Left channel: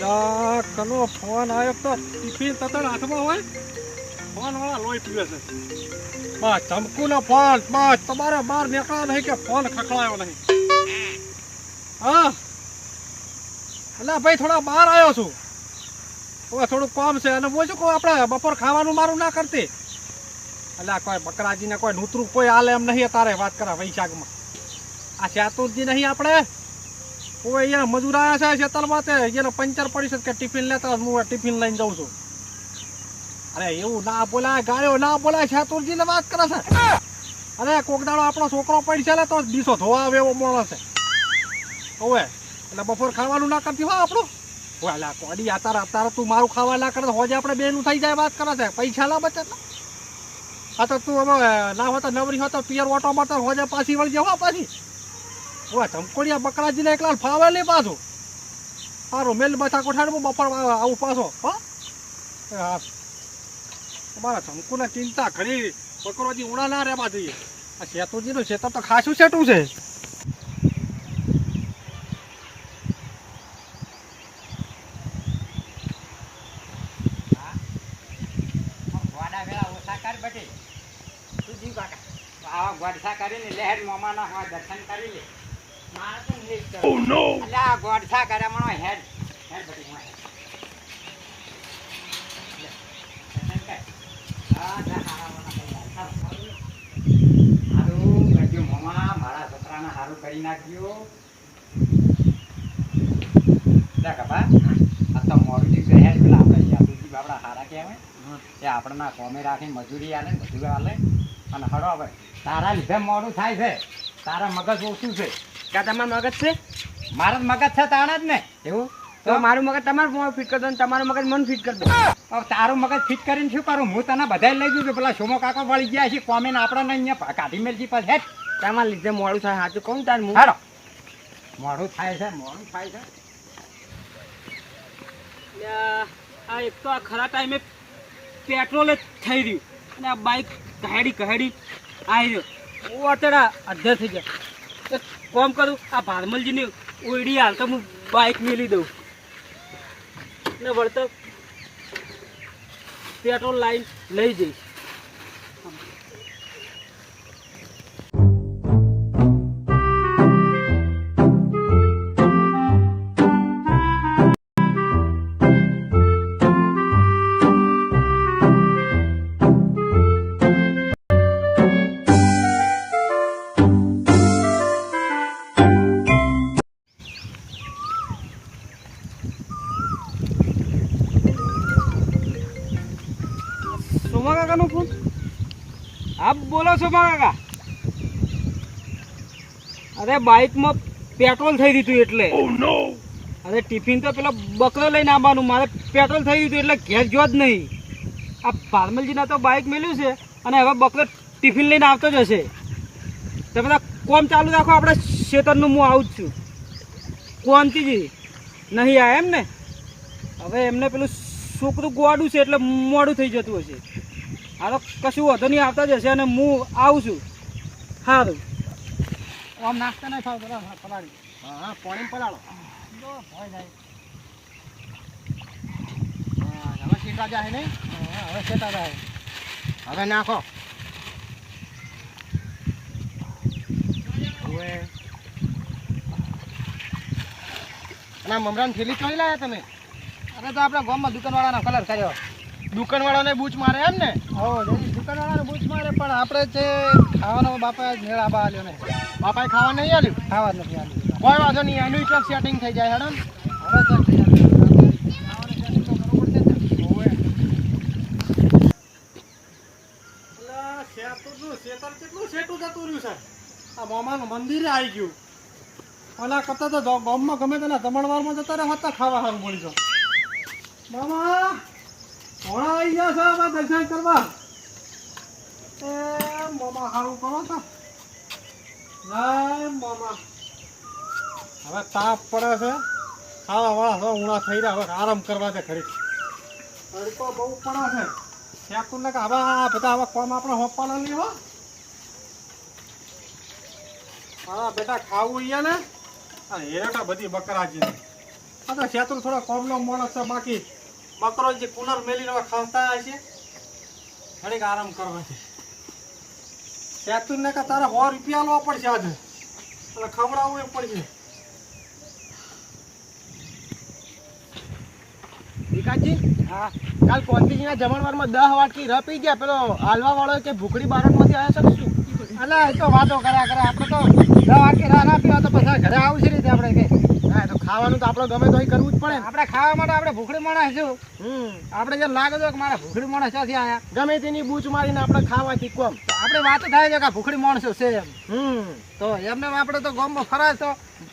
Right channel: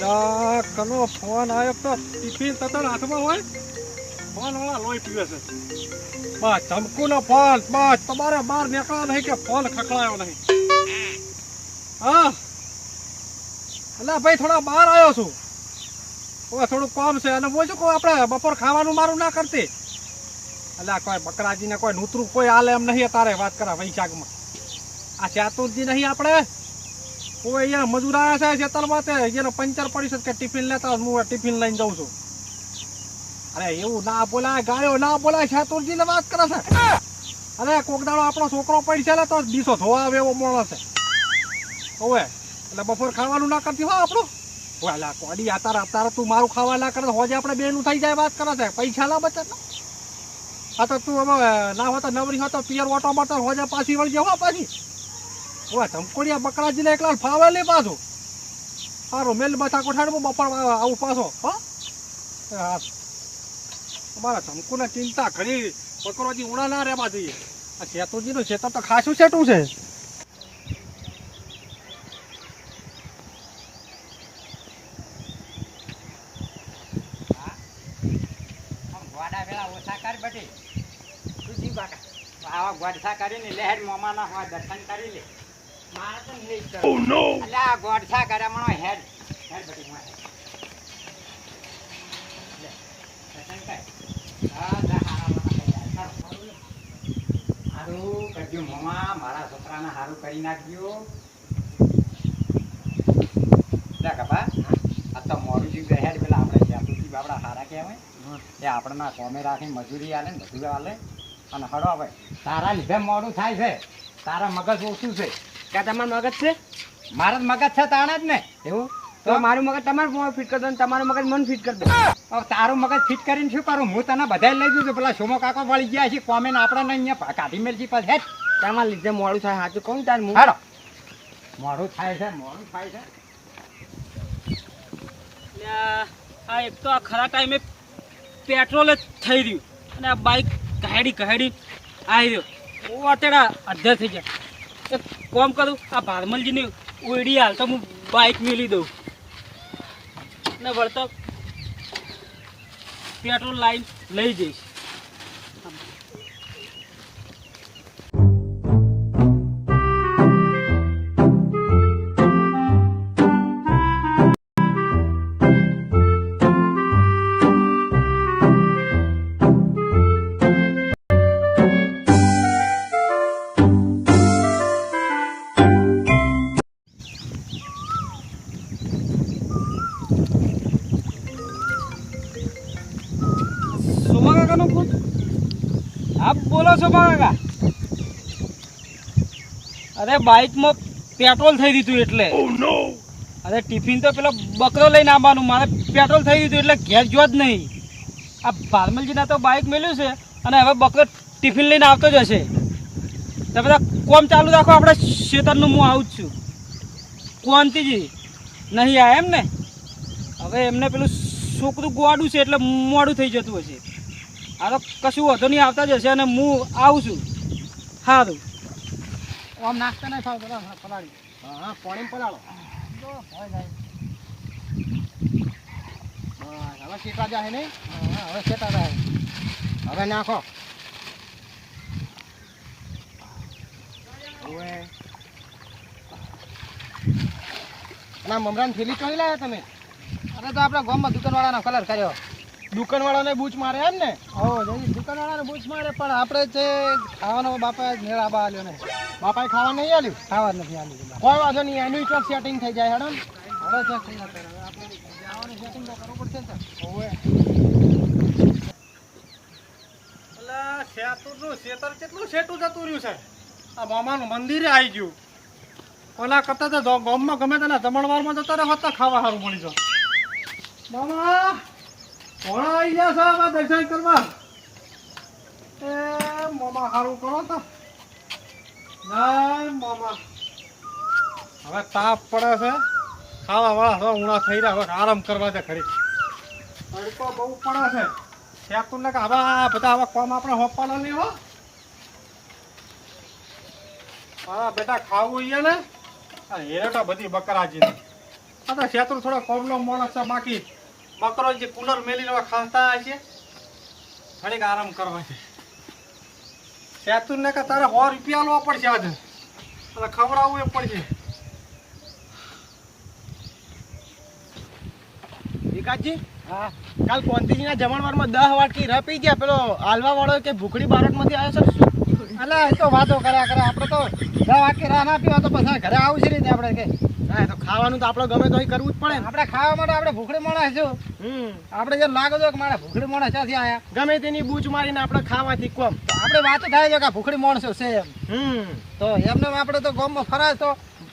લા, કનો ફોન આવ્યો તો ટિફિન તતણ હાથમાં હોય. ફોન વાળા લોહી પીવે છે. બસ ધમકુનો ફોન. બસ તમારે બહાર નીકળ્યા નહીં કે ફોન ખખડાયો નહીં. હા. અલા, ભાઈ, થોડા બહાર આવ્યો છું. હવે થોડું કામ છે. અને બોલજો કોઈ આપણે? બપોર ખાવાનું મારું ના કરતી. અલ્યા કોઈ બકરાજીને કોઈ નૂતરું કોઈ હાલે એમ નહીં તારે વાત કરા વૈશાખમાં. આ ચાતુરજી નહીં આપણે? કોઈ અહીંયા મજૂર આવ્યા છે ખેતરમાં તે એનો પંચર પડી છે કે ટિફિન લેતા હું ટિફિન લઈને જાઉં છું. અરે એવું ના બોલાય, ગાયો ના બોલાય ચાતુરજીને વાત કરે છે. અરે કોક દાડો આપણો છોકરો પડી છે તો દીસો ધોવા આવે એવો મોણો છે. હવે એટલે બપોર ખાવાનું ના કરતી હોય આપણું? અલા કોડી આતાર આતાર, તું મારું ખાવા ના કરે હોજે આપણે બેનું થઈ જાય વાત કરે છે. પૈસા ના બચે આ તો તું હવે, ના હોતા નવરી હોતા પિયર ઓટો મારતા, હોજે પાછી વળી જવા પાછી. ઓય, ધમકોડિયા બકરાજીને એકલા ફાવે નહીં પાછું. સારો મેલ બથા કોઠાડમાં બપોર આવું પાછો, હા? હા. ધમકુને ચિંતા કરી બકરોજી ઉણા ના રહેવા જોઈએ. આ શેતુજીનું શેતર તો ખાસું શેટું છે. આવા ગોડસા કરીને લહેર મોમાના હોય દર્શન કરી લે. ઓ નો અલ્યા, આ ગોડસા કરે મણો હેડ. પેલા આપણે હારા કહેવાય. એ આપણને કોમે મજૂરી આલે ને બધું આલે. અને હડો હવે. તારા લીધે મોડું થાય છે. તારા મગજ ઓછું છે. કા તમારું મગજ છે? મારા મગજ છે તાણા જ ને. એવું? તો મારું મગજ તમારું ફિટ કરી દો તમારું મગજ મન ફિટ કરી દો. તારું મગજ ફિટ કરીને શું કરું? હું તને બધા લઈ દઉં પેલા સોમો કાકો વળી ગયા છે કોમે ને આપણે અહીંયા કાઢી મેલજી પછી. હેઠ. તમારા લીધે મોડું થાય સાચું કહું તાર હું હાડો મોડું થાય છે મોડું થાય છે. આ એક તો આ ખરા ટાઈમે પેટ્રોલ જ થઈ રહ્યું. અને આ બાઇક કહેડી કહેડી આવી રહ્યો. અત્યારે અધ્ધર થઈ ગયા. કોમ કરું? આ ભારમલજીની ઓયડી હાલ તો હું બાઇક મેલી દઉં. ને વળતર પેટ્રોલ લાઈન લઈ જઈશ. સોમા કાકા? અરે બાઇકમાં પેટ્રોલ થઈ દીધું એટલે. અરે ટિફિન તો પેલો બકરો લઈને આવવાનું મારે પેટ્રોલ થઈ દીધું એટલે ઘેર જો જ નહીં. આ ફાર્મલજીના તો બાઇક મેલ્યું છે અને હવે બકરો ટિફિન લઈને આવતો જ હશે. તો બધા કોમ ચાલુ રાખો આપણે શેતરનું હું આવું જ છું. કોનતીજી નહીં આ એમ ને? હવે એમને પેલું છોકરું ગોવાડું છે એટલે મોડું થઈ જતું હશે. આ તો કશું વધુ નહીં આવતા જ હશે અને હું આવું છું. સારું આમ નાસ્તા નહીં ખાવ પેલા પલાળી. હા હા પાણી પલાળો. હવે શેતા જાય. ને હવે શેતા જાય હવે નાખો. ના મમરાની થેલી કઈ લાયા તમે? અરે તો આપણા ગામમાં દુકાનવાળાનો કલર કર્યો. દુકાનવાળાને બૂચ મારે એમ ને? હો દુકાનવાળાને બૂચ મારે પણ આપણે જે ખાવાનો બાપા મેળા આલ્યો ને. બાપાએ ખાવા નહીં આલ્યું? ખાવા નથી આલ્યું. કોઈ વાંધો નહીં એનું તો સેટિંગ થઈ જાય હેડમ હવે શેતર કેટલું શેઠું જતું રહ્યું છે? આ મામાનું મંદિરે આવી ગયું. ઓલા કરતા તો ગામમાં ગમે તેના જમણવારમાં જતા રહે હોતા ખાવા સારું મળી જાવ મામા! ઘોડા આવી ગયા છે હવે દર્શન કરવા. એ, મોમા સારું કરો તો. જય મોમા. હવે તાપ પડે છે. ખાવા વાળા હવે ઉણા થઈ રહ્યા, હવે આરામ કરવા છે ખરી તડકો બહુ પડે છે. શેતું ને હવે આ બધા હવે કોમ આપણે હોપાના નહીં, હો. હા, બેટા, ખાવું અહીંયા ને હેરટા બધી બકરાજી. આ તો થોડો કોમનો માણસ છે બાકી. બકરો જે કુલર મેલીને ખાતા છે ઘડીક આરામ કરવા છે. શેતુર ને કે તારે સો રૂપિયા લેવા પડશે આજે. અને ખવડાવવું એ પડશે. વિકાસજી? હા. કાલ કોંતીજીના જમણવારમાં દહ વાટકી ર પી ગયા. પેલો હાલવા વાળો કે ભૂખડી બારોટમાંથી આવ્યો છે અલા, એ તો વાતો કર્યા કરે. આપણે તો દસ વાટકી રાહ ના પીવા તો પછી ઘરે આવું છે રીતે આપણે કે? હા તો ખાવાનું તો આપણે ગમે તો કરવું જ પડે આપણે ખાવા માટે આપણે ભૂખડી માણસ છે. હમ. આપણે જેમ લાગે છે કે મારા ભૂખડી માણસ ક્યાંથી આયા? ગમે તેની બૂચ મારીને આપણે ખાવાથી કોમ. આપણે વાત થાય છે કે ભૂખડી માણસો છે એમ. હમ. તો એમને આપણે તો ગામમાં ફરાય તો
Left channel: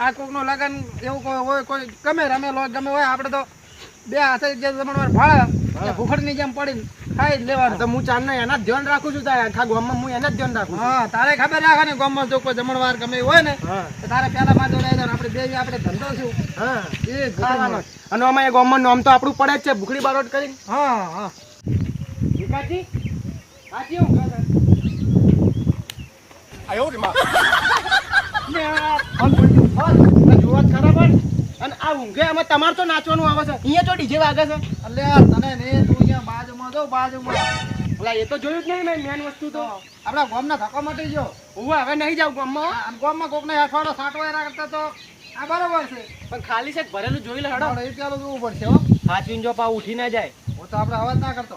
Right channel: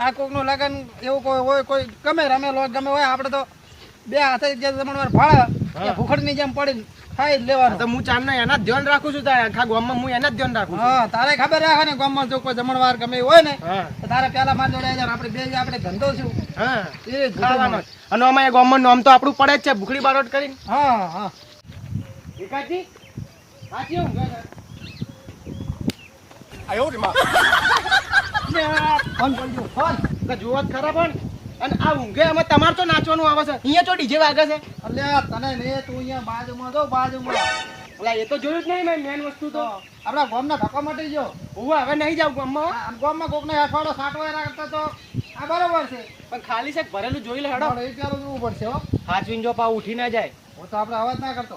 આ કોકનું લગન એવું કોઈ હોય કોઈ ગમે રમેલો ગમે હોય આપણે તો બે હાથે જે જમણવાર ફાળે ભૂખડની જેમ પડી ખાઈ લેવાનું. તો હું ચાંદના એના જ ધ્યાન રાખું છું તારે. આખા ગામમાં હું એના જ ધ્યાન રાખું છું. હા તારે ખબર રાખે ને ગામમાં જો કોઈ જમણવાર ગમે હોય ને તો તારે પેલા માં જોડે. આપણે બે આપણે ધંધો છું. હા. એ ખાવાનો. અને અમારે ગામમાં નામ તો આપણું પડે જ છે ભૂખડી બારોટ કરીને. હા હા. વિકાસજી સાચી હું આયો રે માં. આ ફોન પડી ફોન. તો જુઓ જ ખરા પણ. અને આ ઊંઘે અમે તમારે તો નાચવાનું આવે છે. અહીંયા તો ડીજે વાગે છે. અલ્યા તને મેં તું અહીંયા બાજુમાં જો બાજુમાં ઓલા એ તો જોયું જ નહીં મેં મેન વસ્તુ તો. આપણા ગોમના ધક્કો મટી ગયો. હું હવે નહીં જાઉં ગામમાં ગામમાં કોકને અઠવાડો સાટવા એના કરતા તો આ બરોબર છે. પણ ખાલી છે ભરેલું જોઈ લે હેડો. એ ચાલો જોવું પડશે હો સાચવીને જો પા ઉઠી ના જાય. હું તો આપણે અવાજ ના કરતો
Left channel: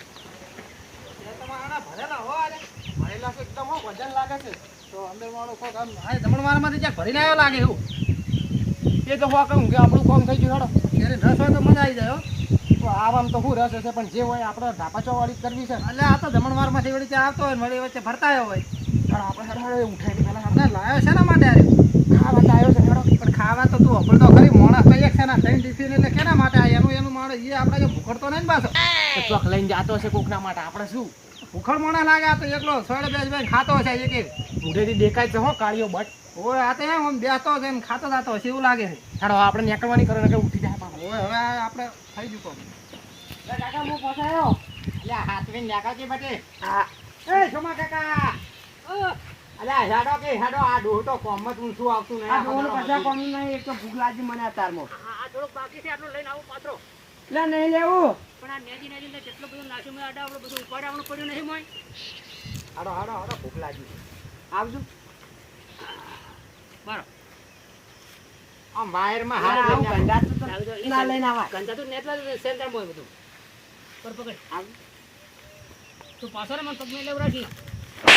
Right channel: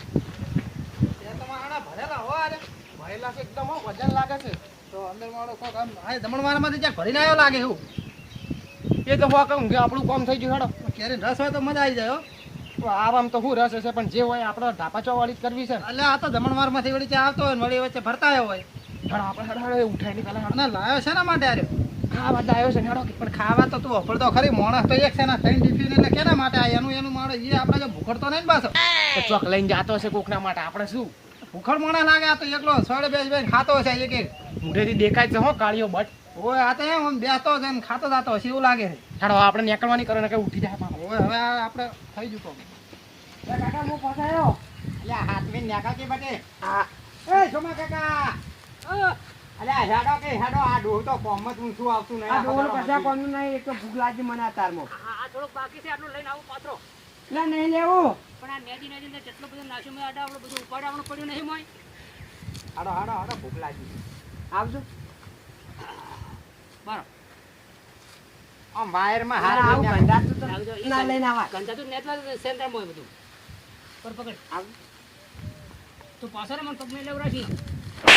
ત્યાં તો મારા ભરેલા હો આજે. ભરેલા છે એકદમ હો, વજન લાગે છે તો અંદર મારો કોક આમ આ જમણવારમાંથી જ્યાં ભરીને આવ્યો લાગે એવું? એ તો હોવા કહું કે આપણું કામ થઈ ગયું હેડો. ત્યારે રસ હોય તો મજા આવી જાય હો. તો આમ તો શું રસ હશે પણ જે હોય આપણે ધાપા ચોવાળી જ કરવી છે. એટલે આ તો જમણવારમાંથી વળી ત્યાં આવતો હોય ને વળી વચ્ચે ભરતા હોય. પણ આપણે હેડો હેડો નહીં પહેલા લાવ્યો શેના માટે અરે ખાવા તો આવ્યો છે હેડો. પણ ખાવા તો તું અભળ તો ખરી માણસ તો એક છે ને ત્રણ દીધી એટલે કેના માટે એનું એનું માણસ? એ આપણે તો ભૂખડતો નહીં ને પાછો. ચોક લઈને જાતો હશે કોકના માટે. આપણે શું? ભૂખડ મોણા લાગે તો એકલો સોળે બેસ બેસ ખાતો હશે એક એક. મોઢેથી દેખાય છે હો કાળીઓ બટ. ઓય આ તો એમ આમ બેસતો છે ને ખાતો જાતો હશે એવું લાગે છે. હેડો આપણે નીકળવાની કરે ને કે ઉઠી જાય પાછો. ઓય હવે આપણે થઈ કામ કાકા હું પહોંચાયો અલ્યા હાથવીને નેકળ કે બટે હા. એ સોમા કાકા. અલ્યા હેડો કે હેડો આ ડોહ તો કોમમાં તું શું આવતું નહીં. આ ડોહ કશા કોમ નહીં એક તો ભૂખ લાગી મને આ તારમાં આ થોડુંક બાકી છે આટલું લઈને આવું પાત્રો લે નહીં લેવું. પણ આ નેજી નેજી ને જેટલો બધો નાખ્યો મેં આડા આપણું બધું ઉપાડવાનું પડ્યું નહીં મોય. હાડો હાડો હાડો ભૂખ લાગી આવજો. બરો આમ વાયરમાં આવું હાથ લઈને ગંધાતું તો આવજો ના લઈને આવાય. ગંધા નેતવા દે સેન્ટર મોય બધું. પર પકડ. આવ તું પાછો ને મને પગને લેવ રાખી.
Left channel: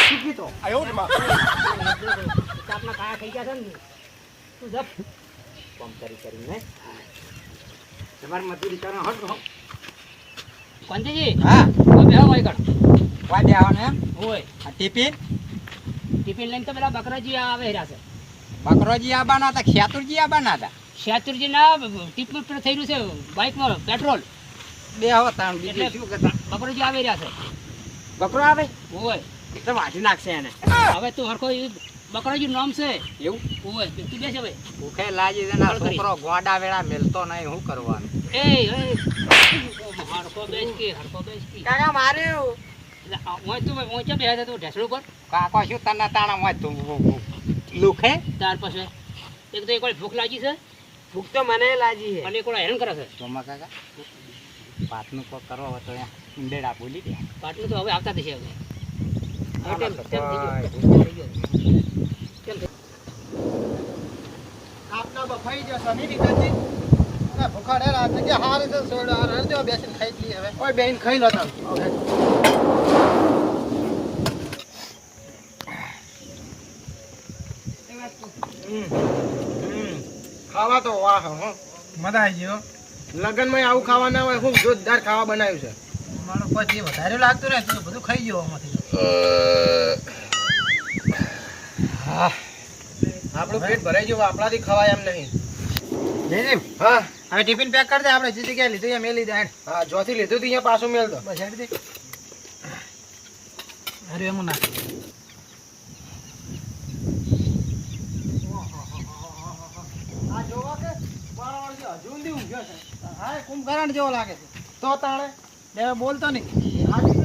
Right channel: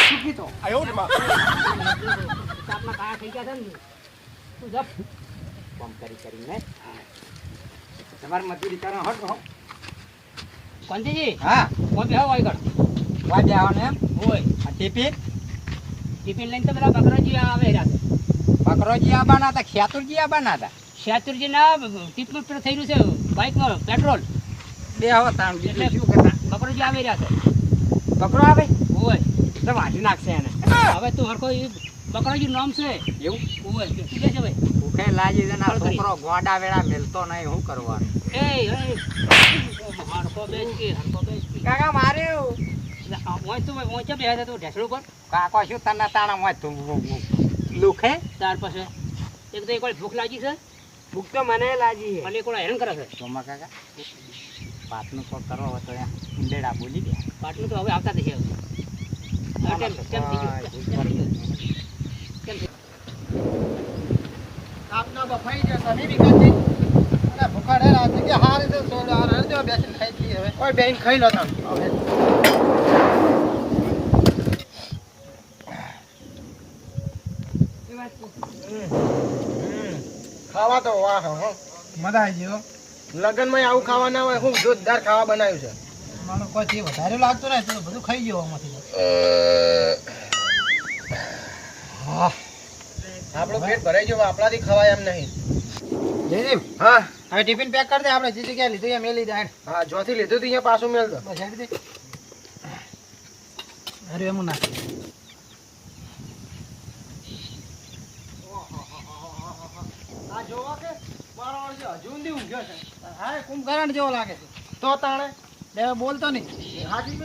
શીખી તો આયો રે માં ચાપના કાયા થઈ ગયા છે ને તું. જપ. કોમ કરી કરીને તમારી મજૂરી કરો હટ પંચજી હા. હવે હવે આગળ વાડે આવો એમ. હોય. આ ટિફિન ટિફિન લઈને તો પેલા બકરાજી આવે રહ્યા છે. બકરોજી આવવાના હતા ખેતુરજી આવવાના હતા? ખેતુરજી ના ટિફિન પર થઈ રહ્યું છે બાઇકમાં પેટ્રોલ. બે હવે તાણ બીજું શું કરતા? બકરોજી આવી રહ્યા છે. બકરો આવે? હોય તો વાંચી નાખશે એને. હવે તું હરખો બકરોજી નામ છે. એવું? હોય તું બેસે ભાઈ ભૂખે લાજી છે ને છોકરો ગોડા વેળા મેલતો નહીં શું કરવાનું? એ હરખો બેસ કે હરખો બેસ કે. કાકા મારે એટલે આ ઓય તું ઓય ચા બેહ્યા તા તું ઢેસડું પર કાકો શું તને તાણા ઓય તું લુખે ત્યાર પછી એક તો એક વાર ભૂખ લાગી છે? ભૂખ તો મને લાગી અને એક વાર હેરાન કરે છે? સોમા કાકા પાટનું કોક કરવો હવે તો અહીંયા ઊંડેડા બોલી દે. પાટનું તો હવે આવતા થશે હવે. આપના બફાઈ જશો નહીં વિકાસજી અરે ભૂખા ડેરા જગ્યા છે સોડા હારે બેસીને ખાઈ લઈએ હવે. કોઈ બેન ખાઈ લો તમે. ખાવા તો વાહ હો. મજા આવી ગયો લગનમાં આવું ખાવા ના હોય હું જોરદાર ખાવા બનાવ્યું છે. મારો પછી વધારે લાગતું રહે તો બધું ખાઈ ગયો આમાંથી. આપણું પેટ ભરાઈ ગયું આપણાથી ખવાય એમ નહીં. જયદેવ હા. હવે ટિફિન પેક કરી દે આપણે જે જગ્યાએ લીધું એ મેલી દે હેડ. હા જોથી લીધું હતું અહીંયા પાછું મેળ દો. બસ હેડ દે અરે એમ નાખ આ જોવા કે જે ઊંઘ્યો છે. હા કુંભકરણ જેવો લાગે છે. તો તાણે? બે બોલતો નહીં. હાજી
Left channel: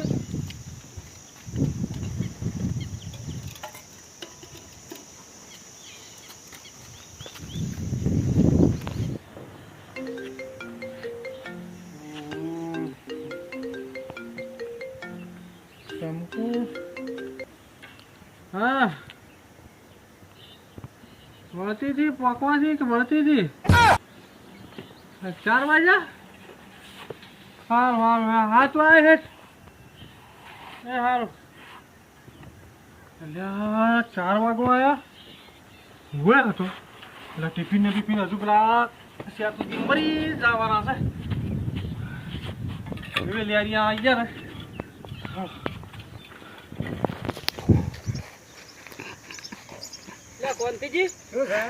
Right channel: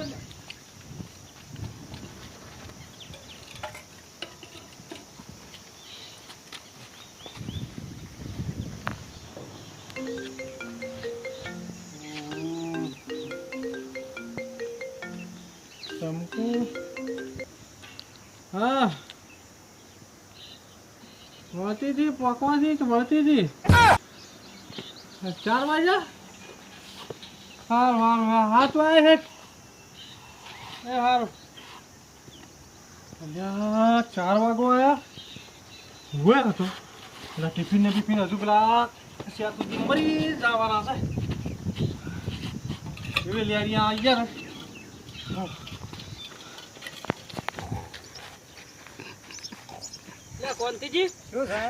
હતી પકવાથી કે વળતી હતી ચાર વાગ્યા? સારું સારું હા હાથ વાગે છે એ સારું એટલે ચાર વાગો આવ્યા હુએ હતો. એટલે ટિફિન ને ટિફિન હજુ પેલા મરી જવાના છે. હવે લેરિયા આવી ગયા ને. કોંતીજી શું છે?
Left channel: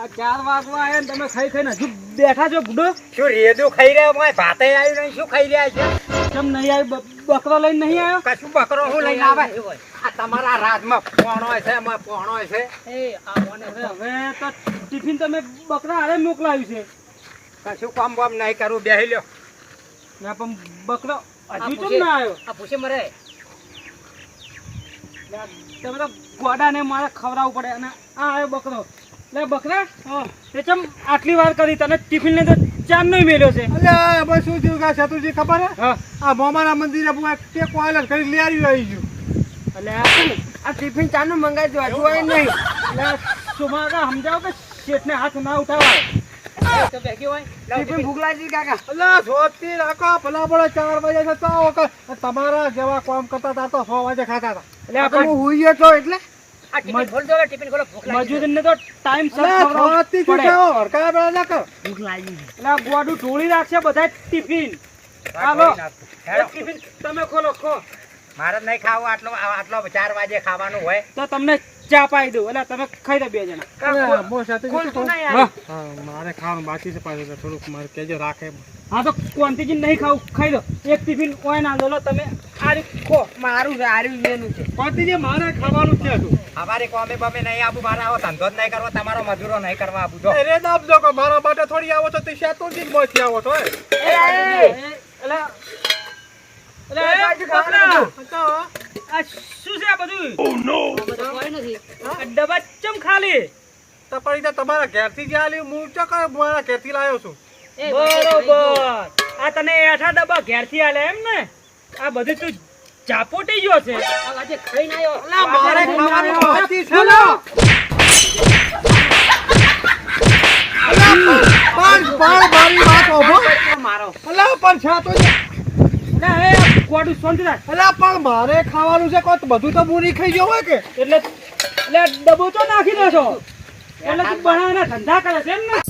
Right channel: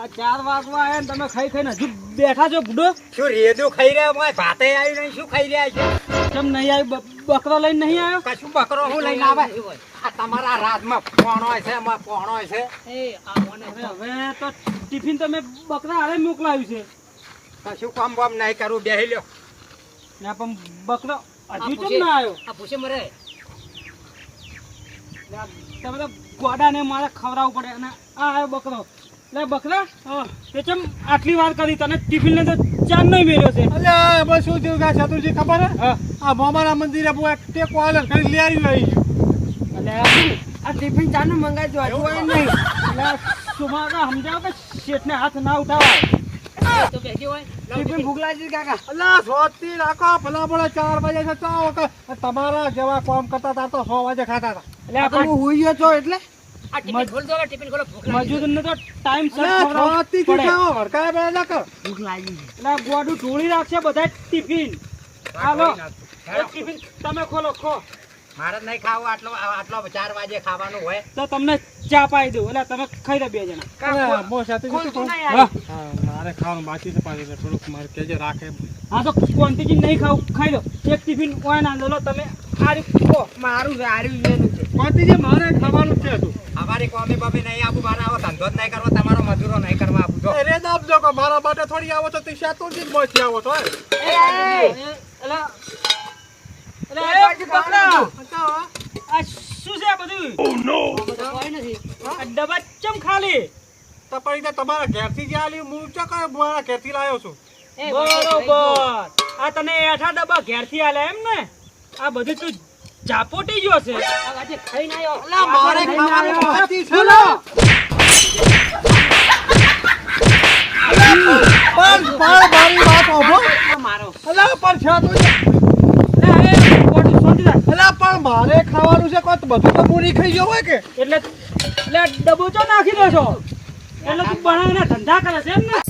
આ ચાર વાગવા આવ્યા ને તમે ખાઈ ખાઈને હજુ બેઠા છો બુડો શું રેદું ખાઈ રહ્યા? ભાઈ ભાતે આવી નહીં શું ખાઈ રહ્યા છે? કેમ નહીં આવી? બકરો લઈને નહીં આવ્યો? કશું બકરો હું લઈને આવે આ તમારા રાજમાં પોણો છે એમાં પોણો છે. હવે તો ટિફિન તમે બકરા હારે મોકલાવ્યું છે. કશું કામ બામ નહીં કરું બેહી લ્યો. ને પણ બકરો હજુ કેમ ના આવ્યો? આ પૂછે મરે. તમે તો ગોડાને મારે ખવડાવવું પડે અને આ આવ્યો બકરો. લે બકરા હા તે ચમ આટલી વાર કરી તને ટિફિન ને તો ચાન નહીં મેળ્યો છે. અલે એમાં શું થયું? કા ચતુરજી ખબર હે? હા. આ મોમાના મંદિરે બુ એક ટેકો આલે કરી લઈ આવી આવી અલે આ ટિફિન ચાનું મંગાઈ દો આજુ આવી નહીં. એટલે સુમાકા સમજાવ કે શેઠને હાથ ના ઉઠાવાય ટિફિન ભૂખ લાગી કાકા. અલે સોતી રાખો. ભલા ભલા ચાર વાગે છે તો તમારા જેવા કામ કરતા હતા તો 6 વાગે ખાતા હતા. એટલે તો હું હુઈ ગયો છો એટલે? ભૂખ લાગી. મજૂરને તો ટાઈમ સર ના કર એટલે ગોડું ઢોળી રાખશે બધા ટિફિન. હાલો ટિફિન તમે ખોલો ખો. મારે નહીં ખાવું આટલો આટલો ચાર વાગે ખાવાનું હોય. તો તમને ચા પાઈ દઉં. એટલે તમે ખાઈ દો બે જણા. બહુ સાથે મારે ખાવાનું બાકી છે પાછું થોડુંક મારે કેજો રાખે. હા તો ક્વોન્ટિટી નહીં ખાવું? ખાઈ દો એક ટિફિન ઓય ના લો તમે. આ રીતે ખો. મારું છે આર્યું એનું છે. મારે ખાવાનું છે તું? અમારી કોમી બમી નહીં આવું મારે આવો ધંધો જ નહીં કરવો તમારો મજૂરો નહીં કરવા આપું જો. અરે આપજો કે મારા માટે થોડી આવો છો તો જ મોથી આવો છો એટલે એટલે એ બકરા, તો આ શું છે આ બધું? આ ડબ્બા ચમ ખાલી? તો તો તમારા ઘેરથી જે આલી હું ચો કે મારા ઘેરથી લાવ્યો છું. બરોબર. આ તને એઠા ડબ્બા ઘેરથી આલે એમ ને? આ બધું તું ઝાપોટી ગયો છે. અલા, મારે ખાવાનું બાકી છે. ને. પણ પણ મારી. વાત સાંભળો. અલા, પણ છે તો મારે ખાવાનું છે, કોઈ બધું તો હું ખાઈ ગયો હોય કે? એટલે એટલે તો નાખી દેશો? એટલે તું ધંધા કરે છે એમ ને?